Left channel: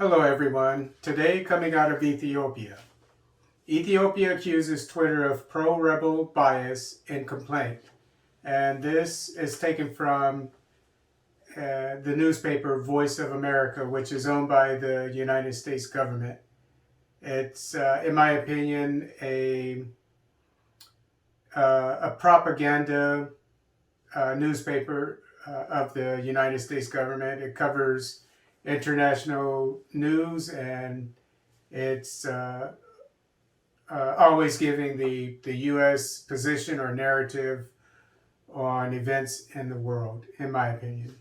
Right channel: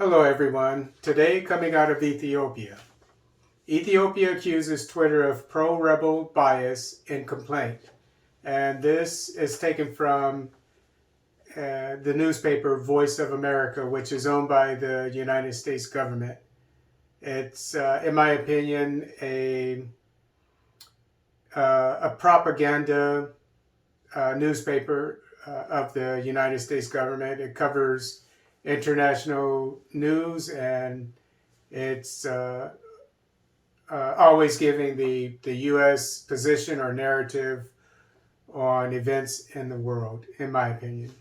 Hello everyone. Today coming out of Ethiopia. Ethiopia accuses Twitter of pro-rebel bias and complaint. And this is taken from the newspaper Voice of America, which is owned by the United States government. It's, in my opinion, a propaganda newspaper of the United States government. It covers international news, and it's always giving the U.S. position or narrative on events in the world, in my opinion.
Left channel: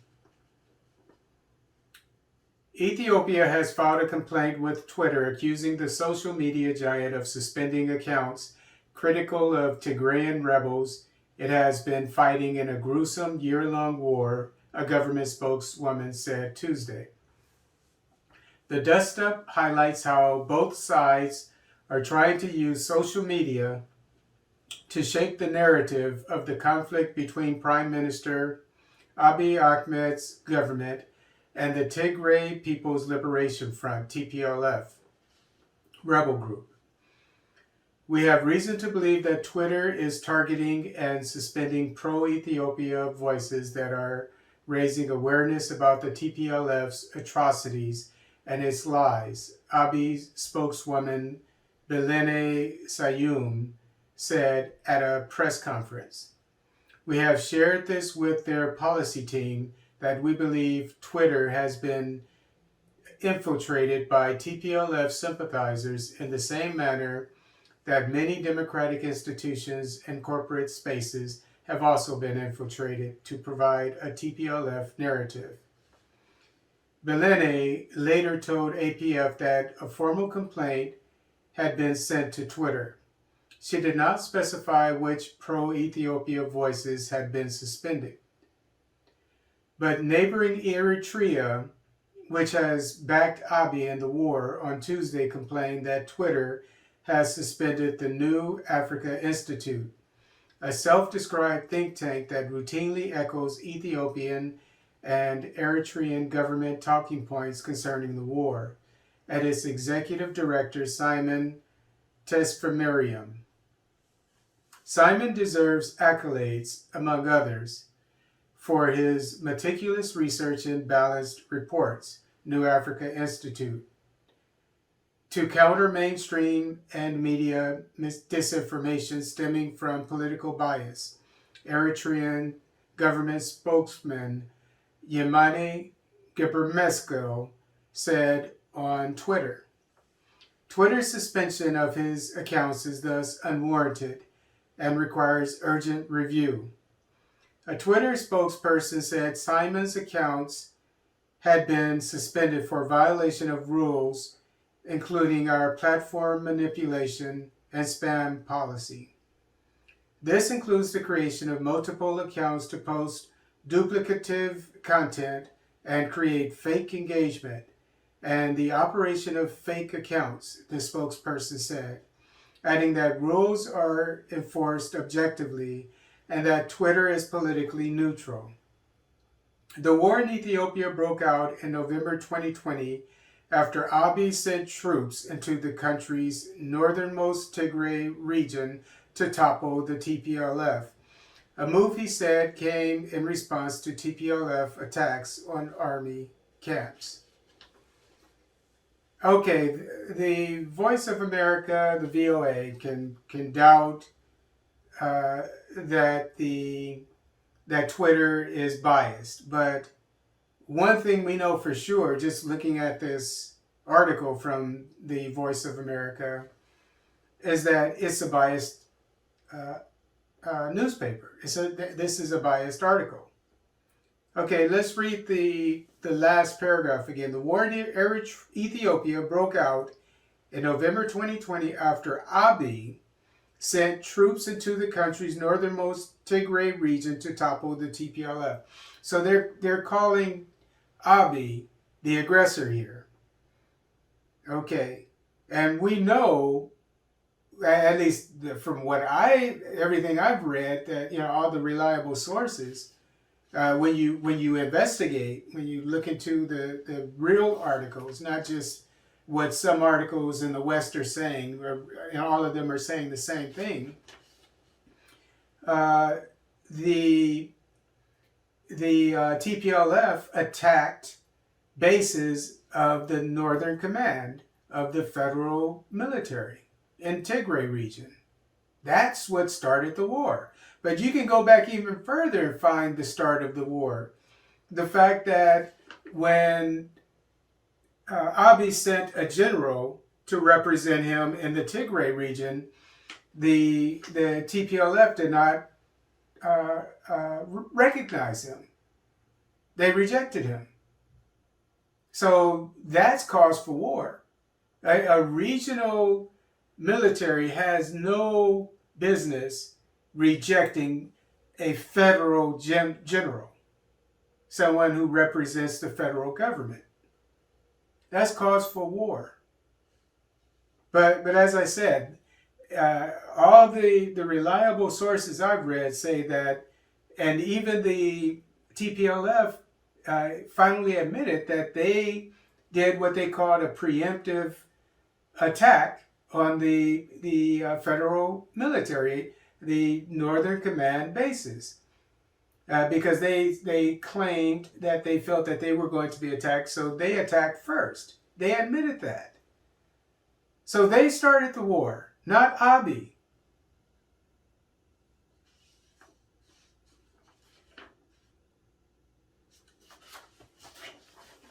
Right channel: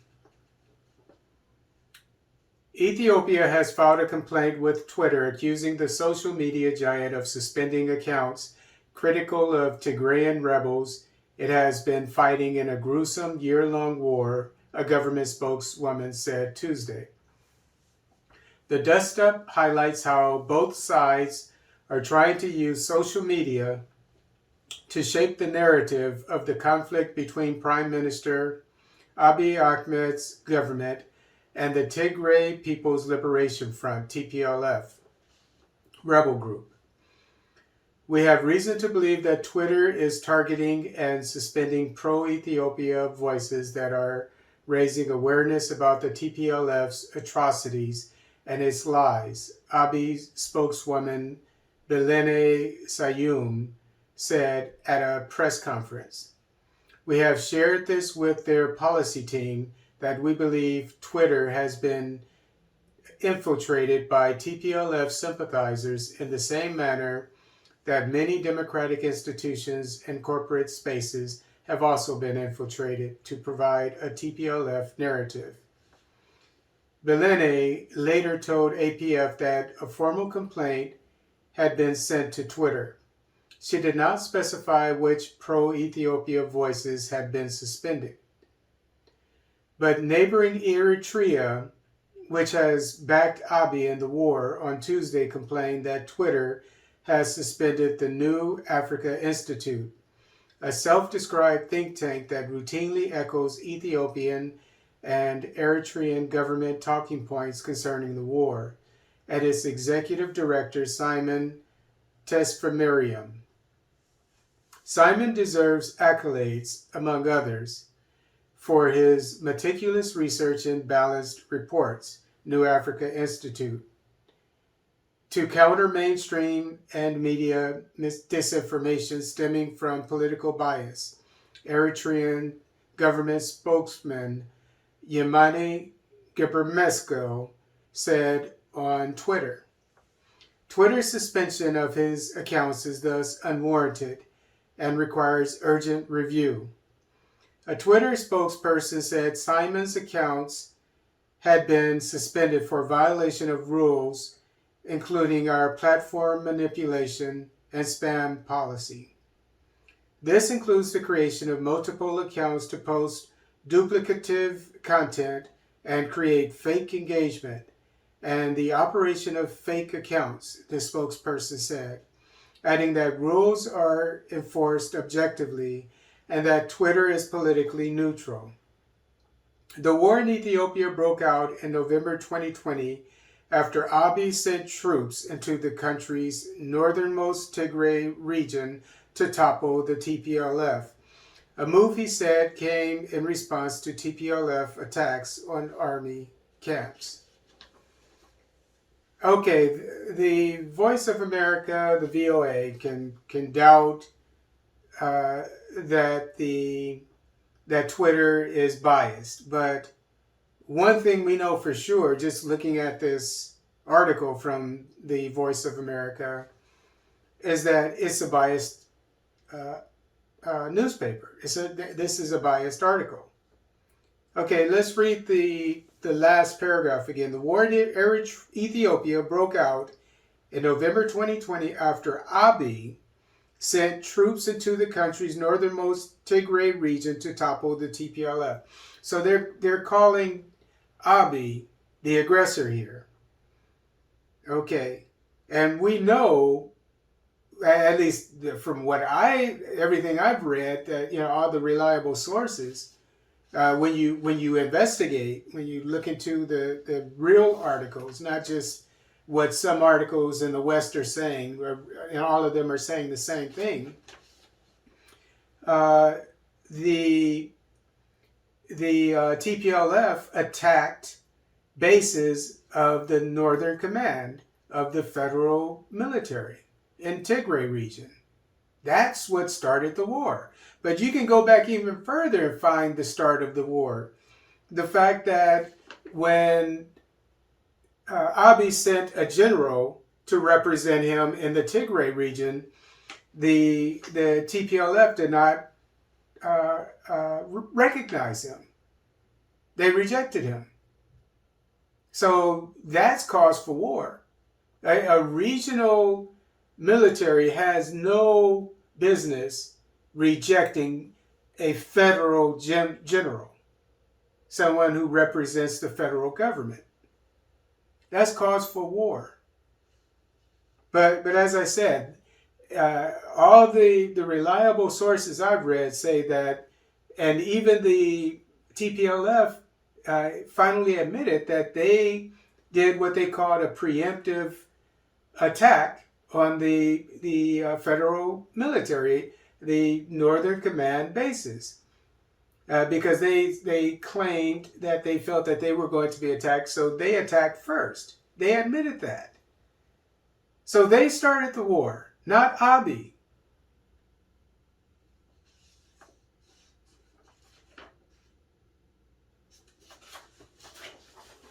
Ethiopia has filed a complaint with Twitter accusing the social media giant of suspending accounts critical of Tigrayan rebels it has been fighting in a gruesome year-long war, a government spokeswoman said Tuesday. The dust-up highlights how both sides are trying to use social media to shape the narrative of the conflict between Prime Minister Abiy Ahmed's government and the Tigray People's Liberation Front, TPLF, rebel group. We have reason to believe that Twitter is targeting and suspending pro-Ethiopia voices that are raising awareness about the TPLF's atrocities and its lies, Abiy's spokeswoman Bilene Sayum said at a press conference. We have shared this with their policy team that we believe Twitter has been infiltrated by TPLF sympathizers in the same manner that many democratic institutions and corporate spaces have also been infiltrated to provide a TPLF narrative. Bilene later told APF that a formal complaint had been sent to Twitter. She did not specify which pro-Ethiopia voices had been suspended. But neighboring Eritrea, which has backed Abiy in the war, on Tuesday complained that Twitter has suspended the New Africa Institute, a self-described think tank that routinely echoes Ethiopian and Eritrean government talking points concerning the war, and its executive director, Simon Tesfamariam. Simon deserves accolades, among others, for his meticulous research and balanced reports, New Africa Institute, to counter mainstream and media disinformation stemming from political bias, Eritrean government spokesman Yemane Gebremeskel said on Twitter. Twitter's suspension of his accounts is thus unwarranted and requires urgent review. A Twitter spokesperson said Simon's accounts had been suspended for violation of rules, including our platform manipulation and spam policy. This includes the creation of multiple accounts to post duplicative content and create fake engagement, and the operation of fake accounts, the spokesperson said, adding that rules are enforced objectively and that Twitter is politically neutral. The war in Ethiopia broke out in November 2020 after Abiy sent troops into the country's northernmost Tigray region to topple the TPLF, a move he said came in response to TPLF attacks on army camps. Okay, the Voice of America, the VOA, can doubt that Twitter is biased, but one thing we know for sure, just looking at this article from the Voice of America, is that it's a biased newspaper. This is a biased article. Okay, let's read the last paragraph again. The war in Ethiopia broke out in November 2020 after Abiy sent troops into the country's northernmost Tigray region to topple the TPLF. So they're calling Abiy the aggressor here. Okay, and we know, at least from everything I've read, that all the reliable sources, When you investigate, when you look into the real articles, not just what some articles in the West are saying, and all of them are saying the same thing. The TPLF attacked bases of the Northern Command of the federal military in Tigray region. That's what started the war. But you can go back even further and find the start of the war. The fact that when Abiy sent a general to represent him in the Tigray region, the TPLF did not recognize him. They rejected him. So that's cause for war. A regional military has no business rejecting a federal general, someone who represents the federal government. That's cause for war. But as I said, all the reliable sources I've read say that, and even the TPLF finally admitted that they did what they called a preemptive attack on the federal military, the Northern Command bases, because they claimed that they felt that they were going to be attacked, so they attacked first. They admitted that. So they started the war, not Abiy.